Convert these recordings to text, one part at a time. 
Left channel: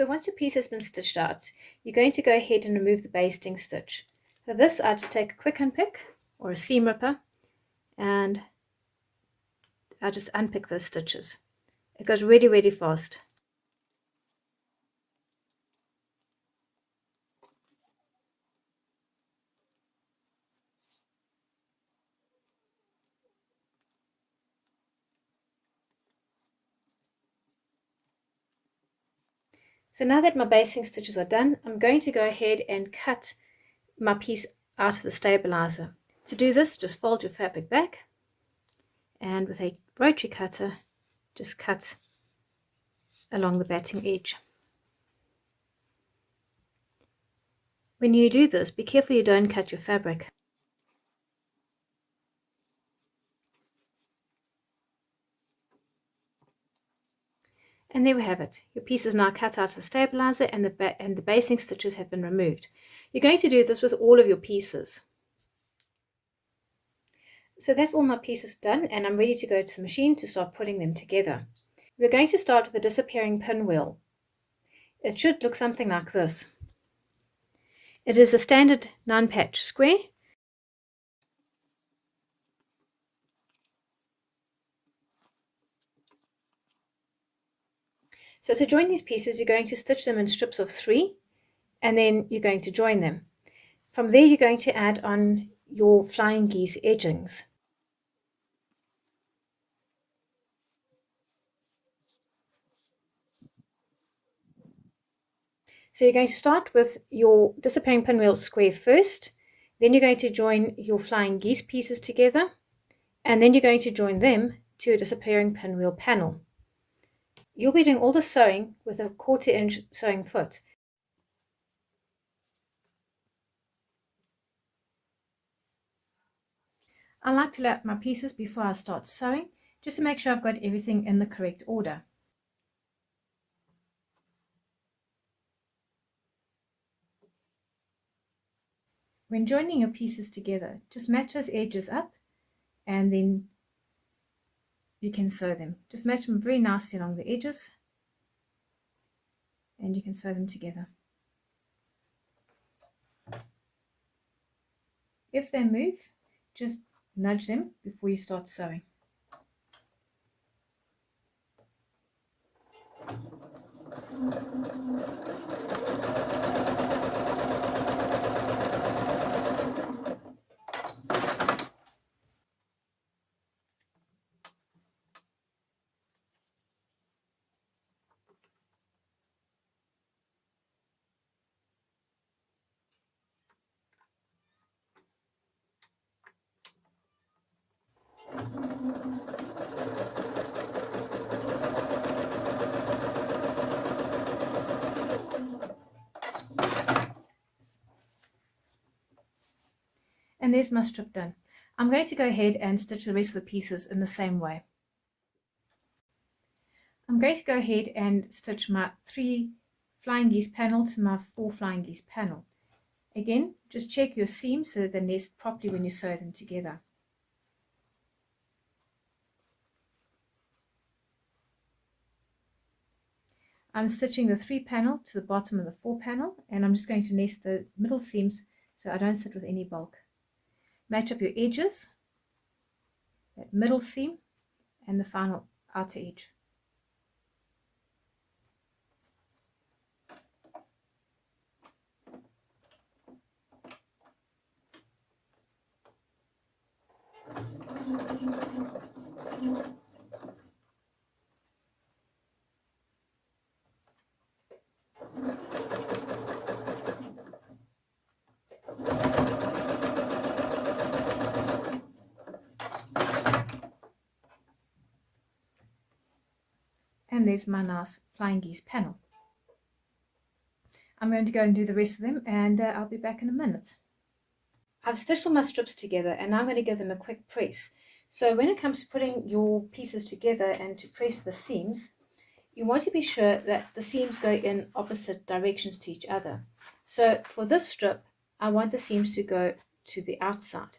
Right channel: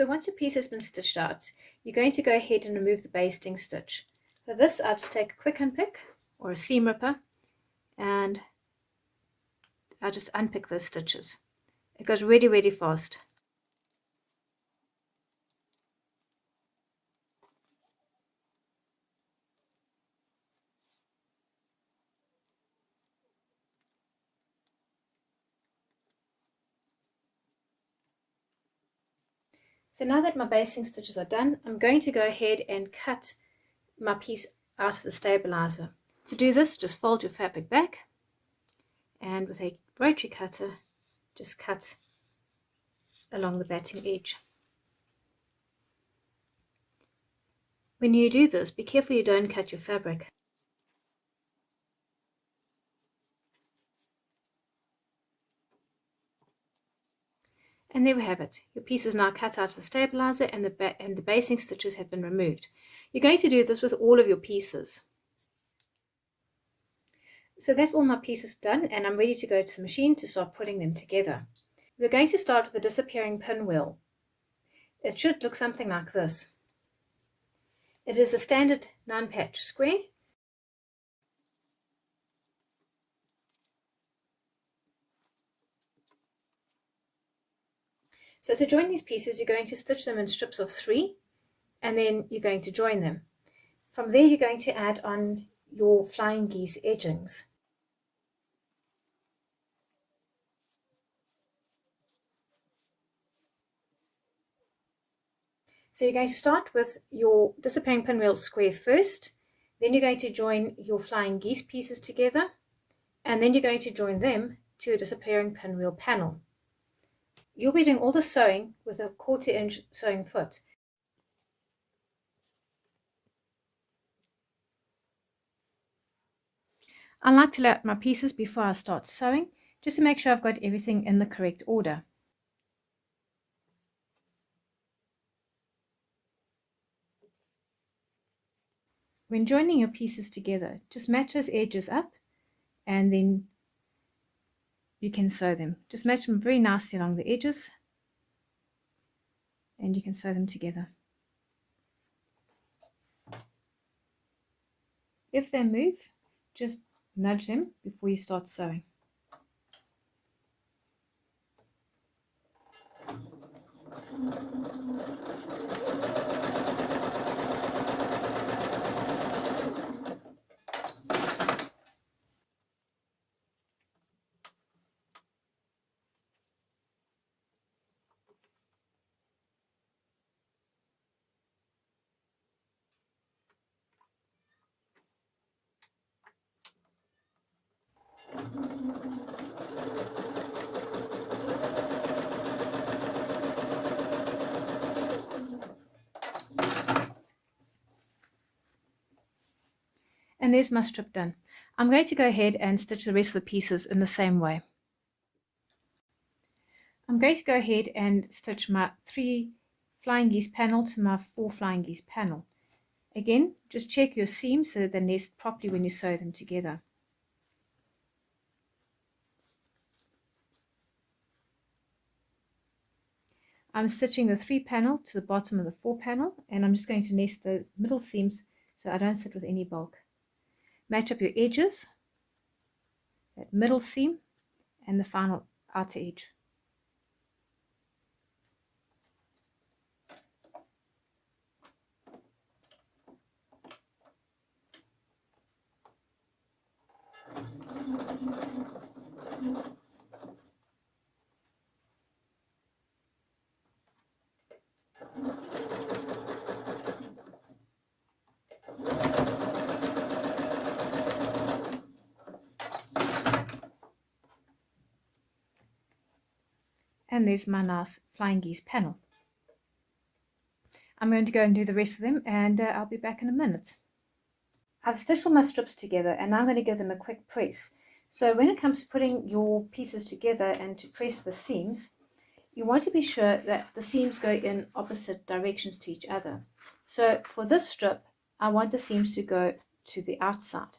So once your piece has been stitched out, you're going to go ahead and remove the basting stitch. For this, I just take a quick unpick or a seam ripper and I just unpick those stitches. It goes really, really fast. So now that my basting stitches are done, I'm going to go ahead and cut my piece out of the stabilizer. To do this, just fold your fabric back and with a rotary cutter, just cut along the batting edge. When you do this, be careful you don't cut your fabric. And there we have it. Your piece is now cut out of the stabilizer and the basting stitches have been removed. You're going to do this with all of your pieces. So that's all my pieces done, and I'm ready to go to the machine to start putting them together. We're going to start with the disappearing pinwheel. It should look something like this. It is a standard 9-patch square. So to join these pieces, you're going to stitch them in strips of 3, and then you're going to join them. From there, you're going to add on your flying geese edgings. So you're going to start with your disappearing pinwheel square first, then you're going to join your flying geese pieces together, and then you're going to join them to a disappearing pinwheel panel. You'll be doing all the sewing with a 1/4-inch sewing foot. I like to lay out my pieces before I start sewing, just to make sure I've got everything in the correct order. When joining your pieces together, just match those edges up and then you can sew them. Just match them very nicely along the edges and you can sew them together. If they move, just nudge them before you start sewing. And there's my strip done. I'm going to go ahead and stitch the rest of the pieces in the same way. I'm going to go ahead and stitch my 3 flying geese panel to my 4 flying geese panel. Again, just check your seams so that they nest properly when you sew them together. I'm stitching the 3 panel to the bottom of the 4 panel, and I'm just going to nest the middle seams so I don't sit with any bulk. Match up your edges, that middle seam and the final outer edge. And there's my nice flying geese panel. I'm going to go and do the rest of them, and I'll be back in a minute. I've stitched all my strips together and now I'm going to give them a quick press. So when it comes to putting your pieces together and to press the seams, you want to be sure that the seams go in opposite directions to each other. So for this strip, I want the seams to go to the outside.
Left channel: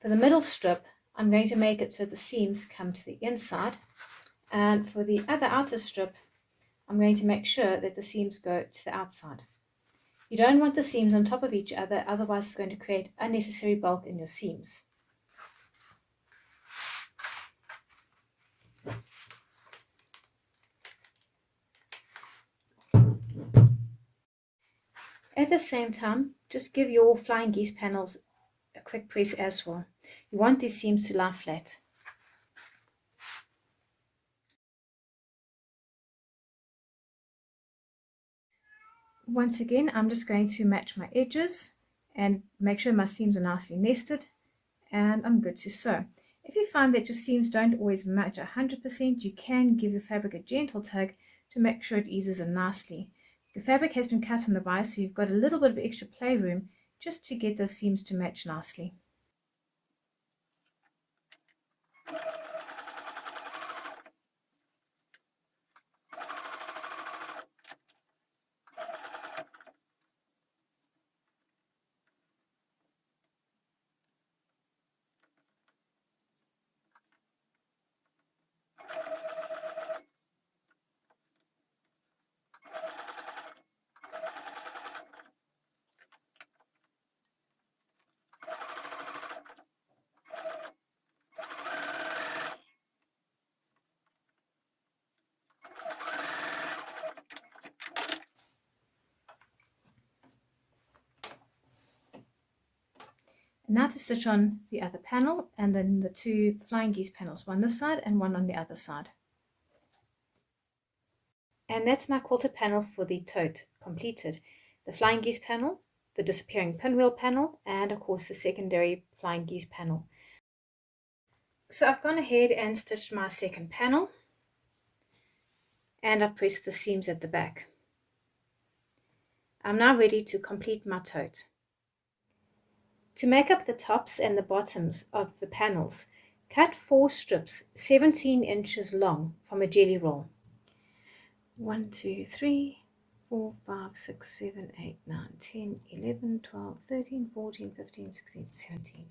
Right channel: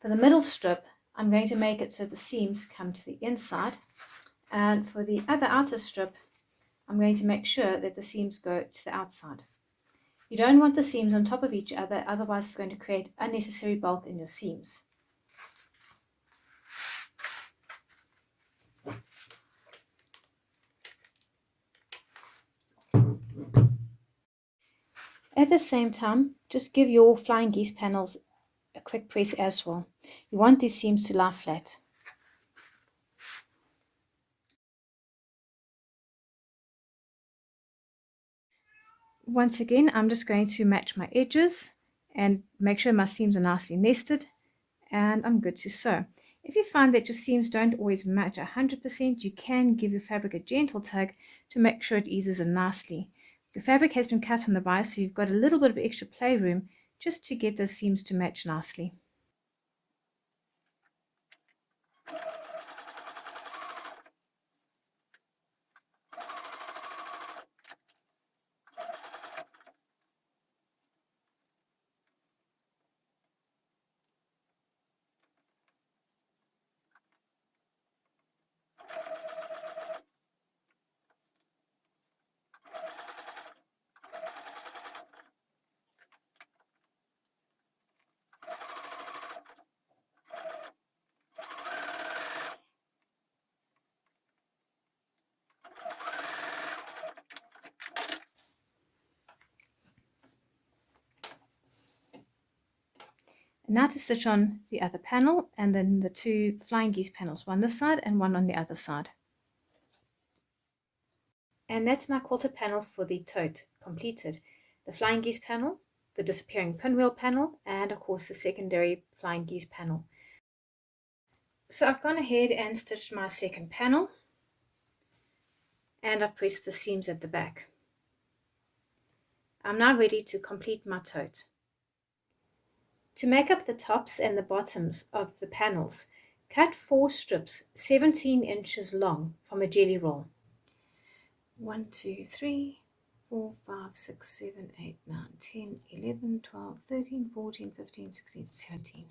For the middle strip, I'm going to make it so the seams come to the inside. And for the other outer strip, I'm going to make sure that the seams go to the outside. You don't want the seams on top of each other, otherwise it's going to create unnecessary bulk in your seams. At the same time, just give your flying geese panels a quick press as well. You want these seams to lie flat. Once again, I'm just going to match my edges and make sure my seams are nicely nested, and I'm good to sew. If you find that your seams don't always match 100%, you can give your fabric a gentle tug to make sure it eases in nicely. Your fabric has been cut on the bias, so you've got a little bit of extra playroom just to get those seams to match nicely. Now to stitch on the other panel, and then the two flying geese panels, one this side and one on the other side. And that's my quilted panel for the tote completed. The flying geese panel, the disappearing pinwheel panel, and of course the secondary flying geese panel. So I've gone ahead and stitched my second panel, and I've pressed the seams at the back. I'm now ready to complete my tote. To make up the tops and the bottoms of the panels, cut 4 strips 17 inches long from a jelly roll. 1, 2, 3, 4, 5, 6, 7, 8, 9, 10, 11, 12, 13, 14, 15, 16, 17.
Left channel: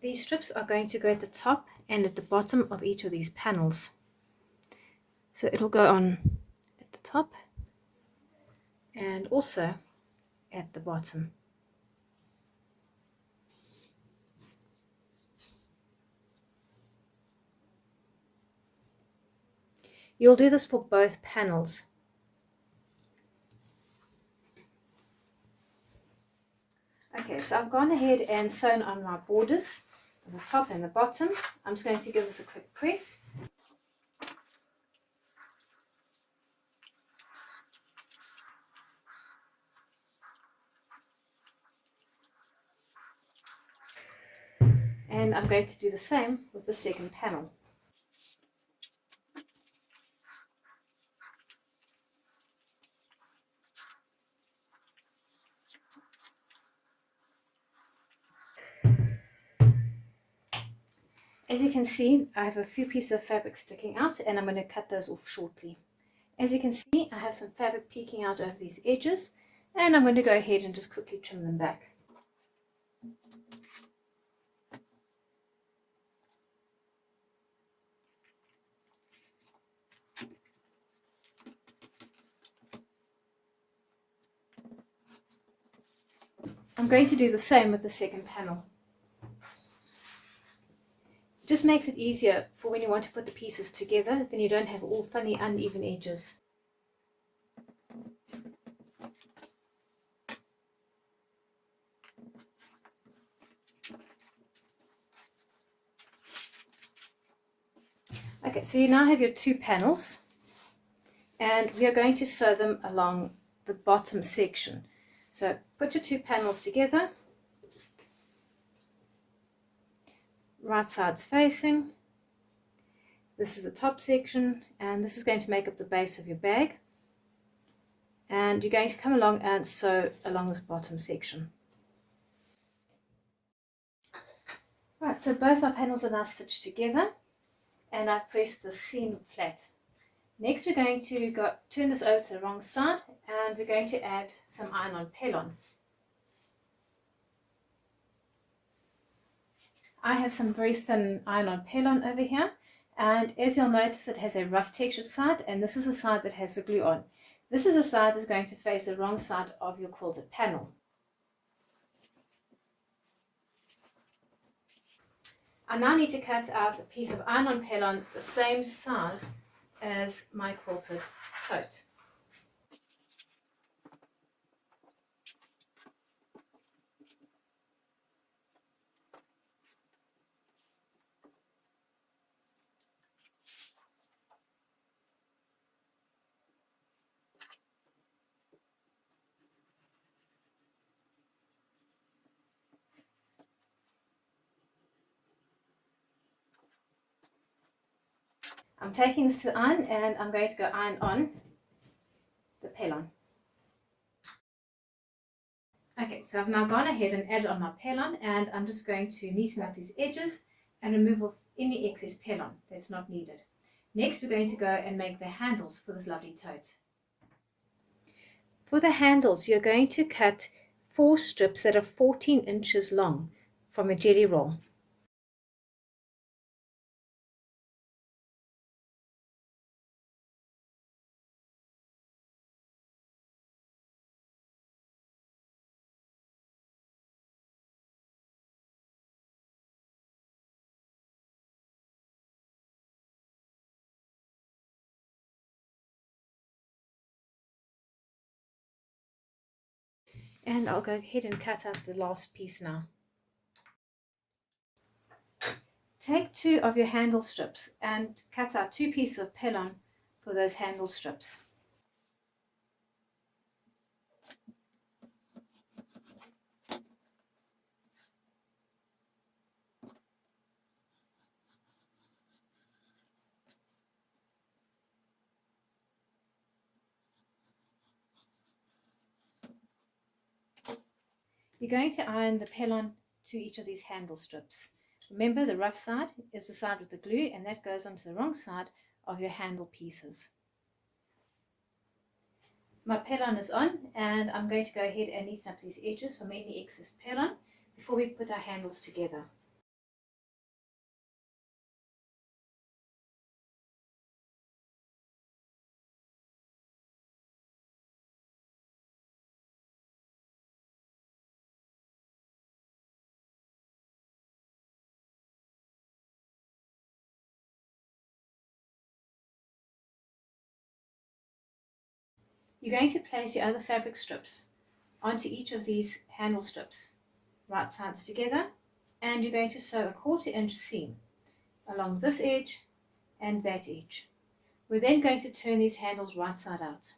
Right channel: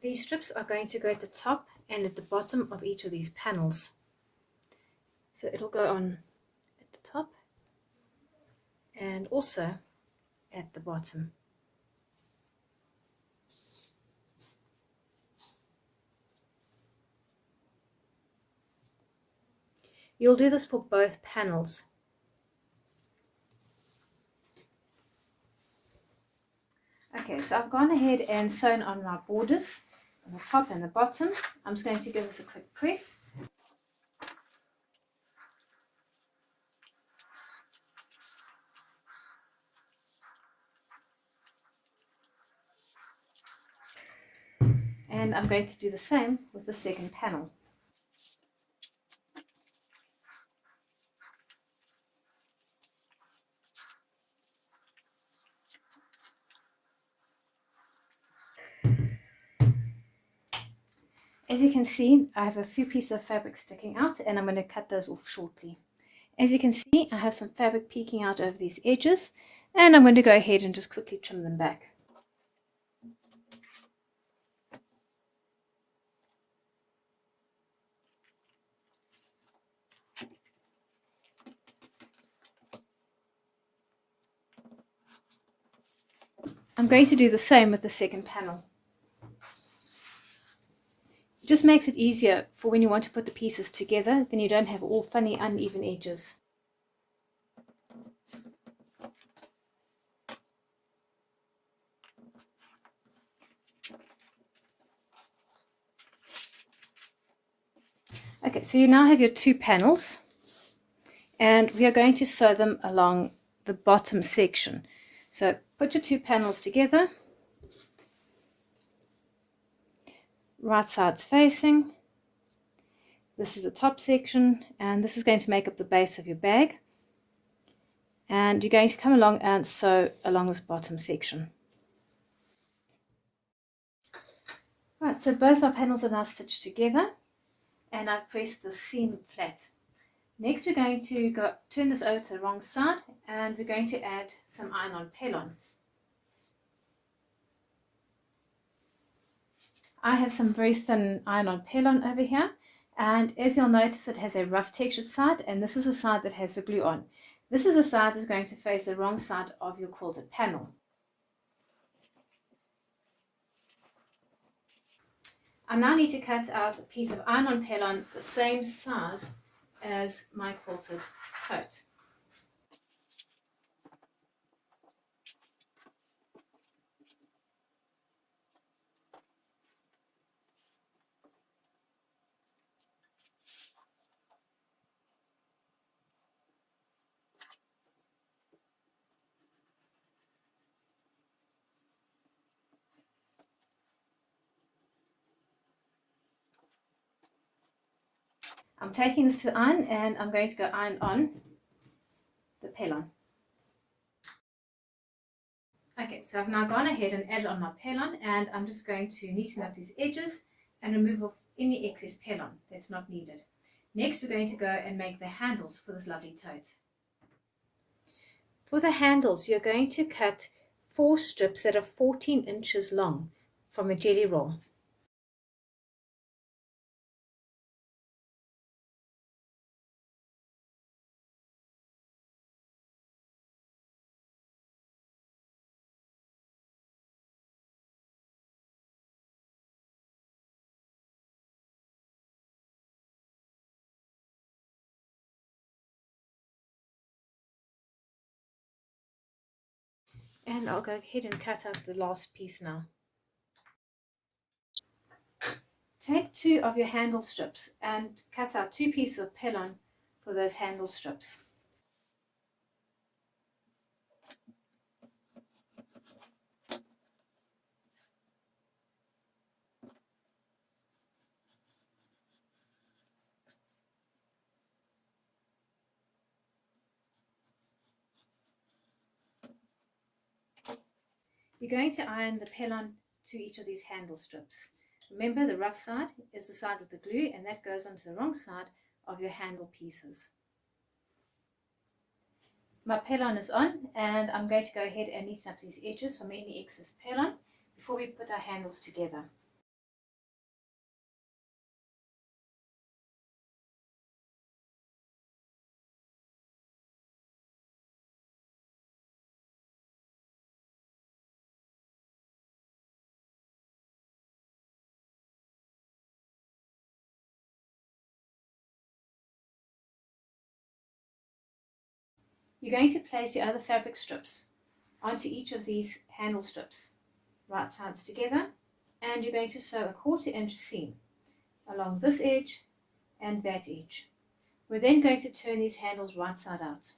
These strips are going to go at the top and at the bottom of each of these panels. So it'll go on at the top and also at the bottom. You'll do this for both panels. Okay, so I've gone ahead and sewn on my borders on the top and the bottom. I'm just going to give this a quick press. And I'm going to do the same with the second panel. As you can see, I have a few pieces of fabric sticking out, and I'm going to cut those off shortly. As you can see, I have some fabric peeking out over these edges, and I'm going to go ahead and just quickly trim them back. I'm going to do the same with the second panel. It just makes it easier for when you want to put the pieces together, then you don't have all funny uneven edges. Okay, so you now have your two panels, and we are going to sew them along the bottom section. So put your two panels together, right sides facing. This is the top section, and this is going to make up the base of your bag. And you're going to come along and sew along this bottom section. Right, so both my panels are now stitched together, and I've pressed the seam flat. Next we're going to turn this over to the wrong side, and we're going to add some iron-on pellon. I have some very thin iron-on pelon over here, and as you'll notice, it has a rough textured side, and this is the side that has the glue on. This is the side that's going to face the wrong side of your quilted panel. I now need to cut out a piece of iron-on pelon the same size as my quilted tote. I'm taking this to iron and I'm going to go iron on the pelon. Okay, so I've now gone ahead and added on my pelon, and I'm just going to neaten up these edges and remove off any excess pelon that's not needed. Next, we're going to go and make the handles for this lovely tote. For the handles, you're going to cut 4 strips that are 14 inches long from a jelly roll. And I'll go ahead and cut out the last piece now. Take 2 of your handle strips and cut out 2 pieces of pelon for those handle strips. You're going to iron the pelon to each of these handle strips. Remember, the rough side is the side with the glue, and that goes onto the wrong side of your handle pieces. My pelon is on, and I'm going to go ahead and neaten up these edges from any excess pelon before we put our handles together. You're going to place your other fabric strips onto each of these handle strips, right sides together, and you're going to sew a 1/4 inch seam along this edge and that edge. We're then going to turn these handles right side out.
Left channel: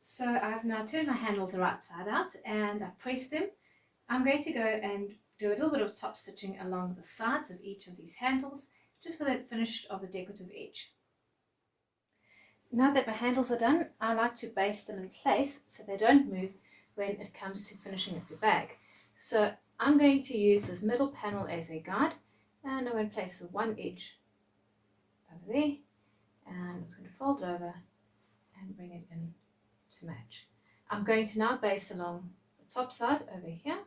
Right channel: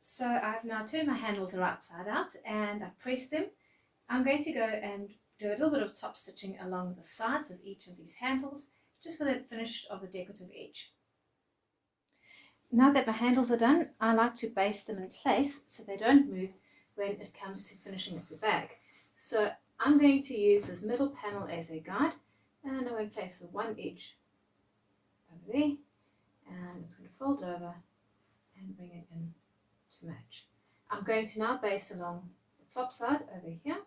So I've now turned my handles the right side out and I've pressed them. I'm going to go and do a little bit of top stitching along the sides of each of these handles, just for the finish of the decorative edge. Now that my handles are done, I like to baste them in place so they don't move when it comes to finishing up your bag. So I'm going to use this middle panel as a guide, and I'm going to place the one edge over there, and I'm going to fold it over and bring it in to match. I'm going to now baste along the top side over here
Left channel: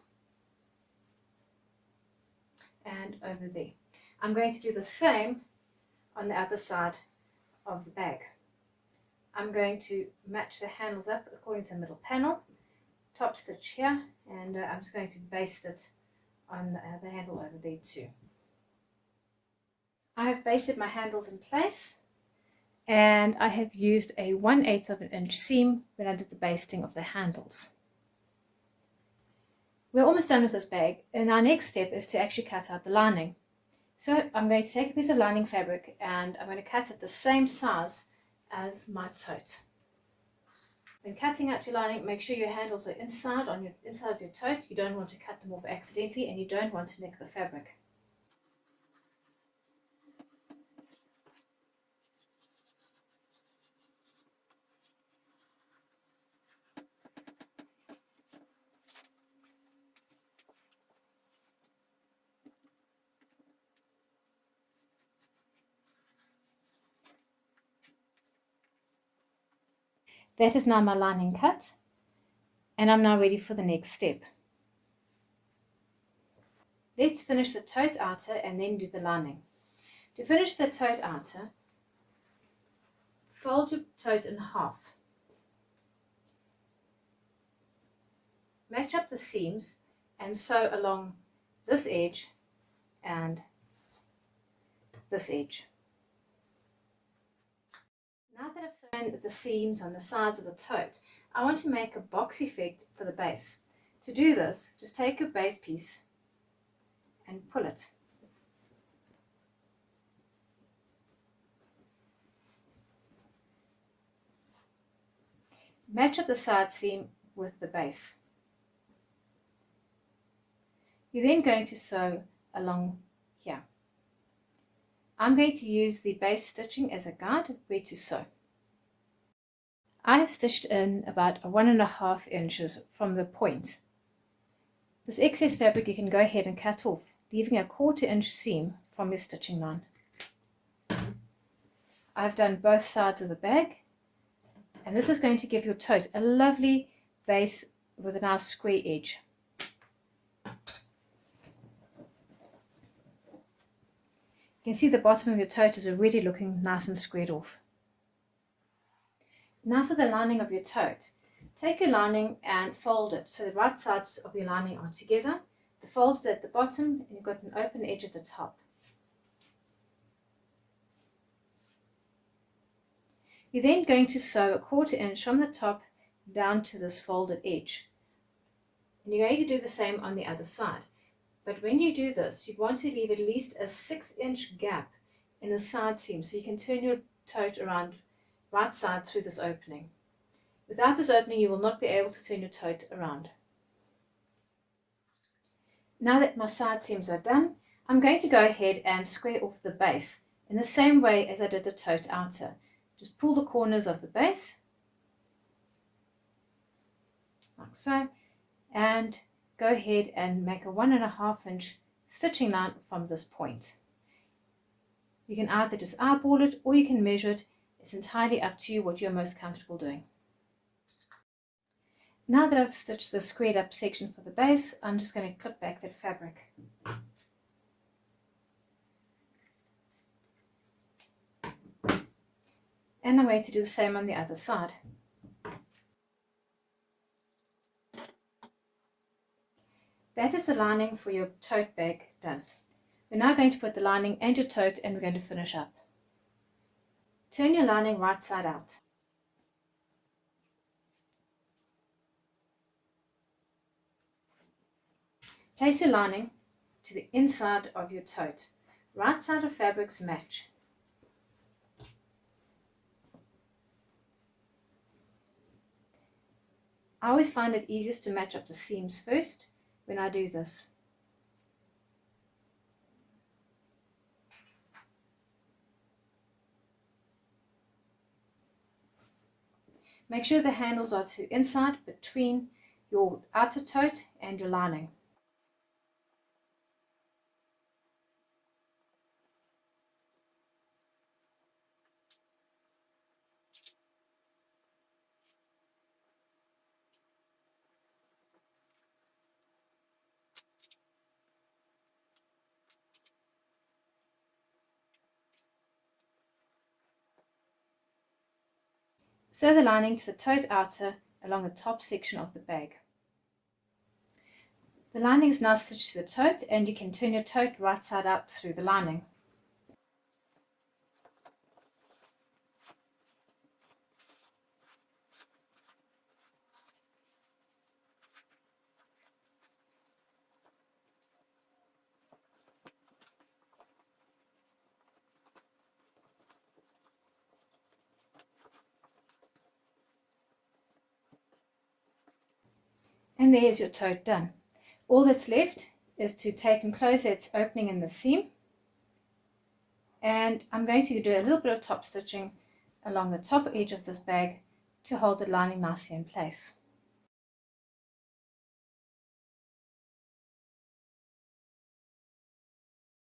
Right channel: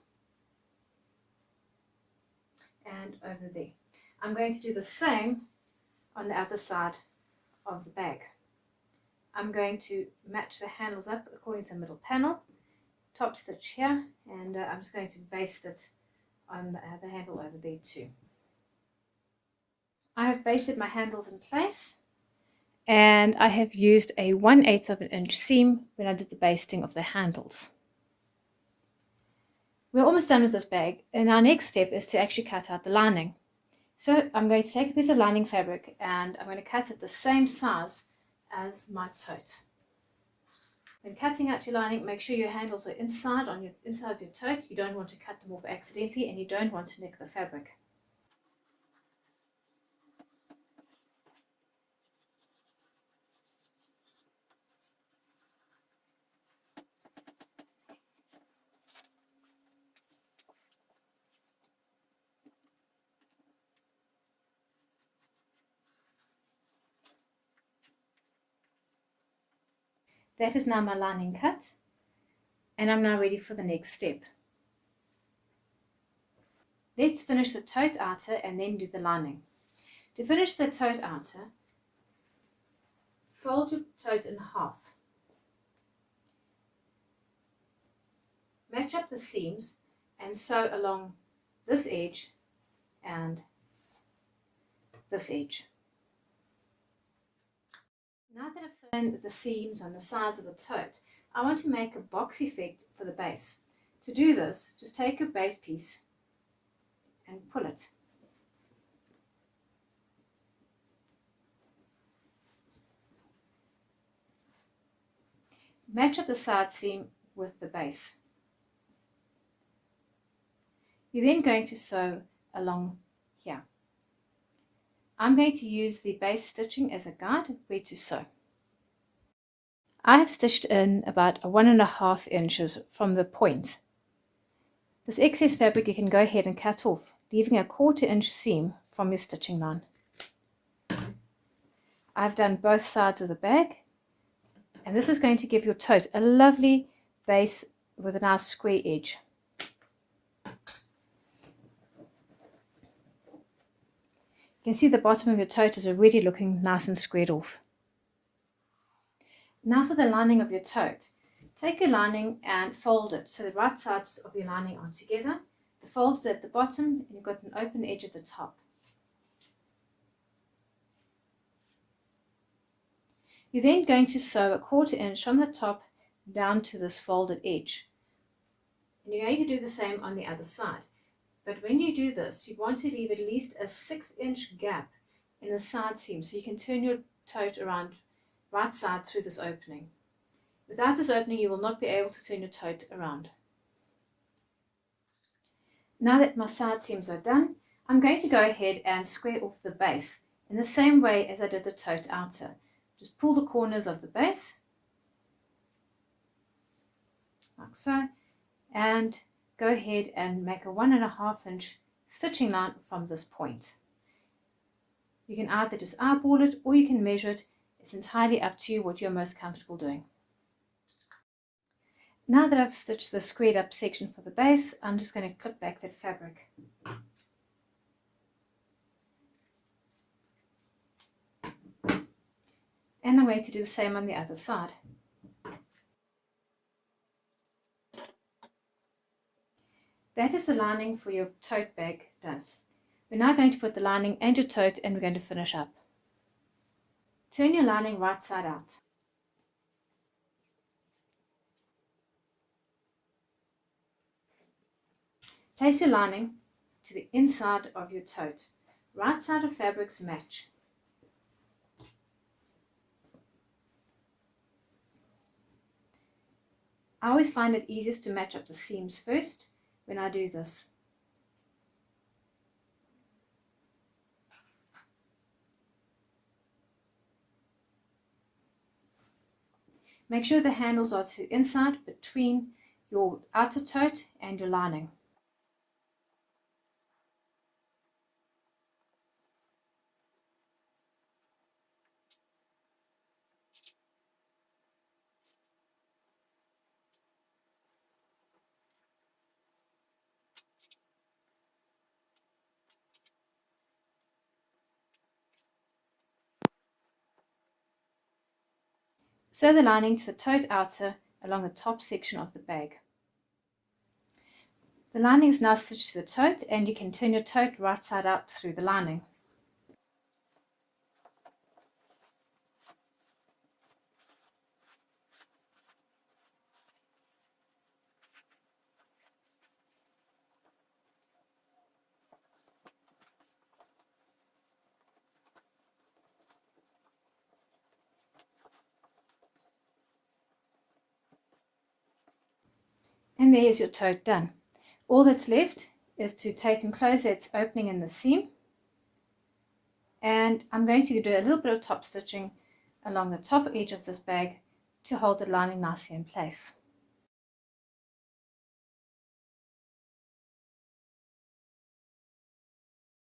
and over there. I'm going to do the same on the other side of the bag. I'm going to match the handles up according to the middle panel, top stitch here, and I'm just going to baste it on the other handle over there too. I have basted my handles in place, and I have used a 1/8 of an inch seam when I did the basting of the handles. We're almost done with this bag, and our next step is to actually cut out the lining. So I'm going to take a piece of lining fabric and I'm going to cut it the same size as my tote. When cutting out your lining, make sure your handles are inside of your tote. You don't want to cut them off accidentally, and you don't want to nick the fabric. That is now my lining cut, and I'm now ready for the next step. Let's finish the tote outer and then do the lining. To finish the tote outer, fold your tote in half. Match up the seams and sew along this edge and this edge. Now that I've sewn the seams on the sides of the tote, I want to make a box effect for the base. To do this, just take your base piece and pull it. Match up the side seam with the base. You're then going to sew along here. I'm going to use the base stitching as a guide where to sew. I have stitched in about 1.5 inches from the point. This excess fabric you can go ahead and cut off, leaving a 1/4 inch seam from your stitching line. I've done both sides of the bag, and this is going to give your tote a lovely base with a nice square edge. You can see the bottom of your tote is already looking nice and squared off. Now for the lining of your tote. Take your lining and fold it so the right sides of your lining are together. The fold is at the bottom and you've got an open edge at the top. You're then going to sew a 1/4 inch from the top down to this folded edge. And you're going to do the same on the other side. But when you do this, you want to leave at least a 6-inch gap in the side seam so you can turn your tote around right side through this opening. Without this opening, you will not be able to turn your tote around. Now that my side seams are done, I'm going to go ahead and square off the base in the same way as I did the tote outer. Just pull the corners of the base, like so, and go ahead and make a 1.5 inch stitching line from this point. You can either just eyeball it or you can measure it. It's entirely up to you what you're most comfortable doing. Now that I've stitched the squared up section for the base, I'm just going to clip back that fabric. And I'm going to do the same on the other side. That is the lining for your tote bag done. We're now going to put the lining and your tote and we're going to finish up. Turn your lining right side out. Place your lining to the inside of your tote. Right side of fabrics match. I always find it easiest to match up the seams first when I do this. Make sure the handles are to inside between your outer tote and your lining. Sew the lining to the tote outer along the top section of the bag. The lining is now stitched to the tote and you can turn your tote right side up through the lining. And there's your tote done. All that's left is to take and close its opening in the seam. And I'm going to do a little bit of top stitching along the top edge of this bag to hold the lining nicely in place.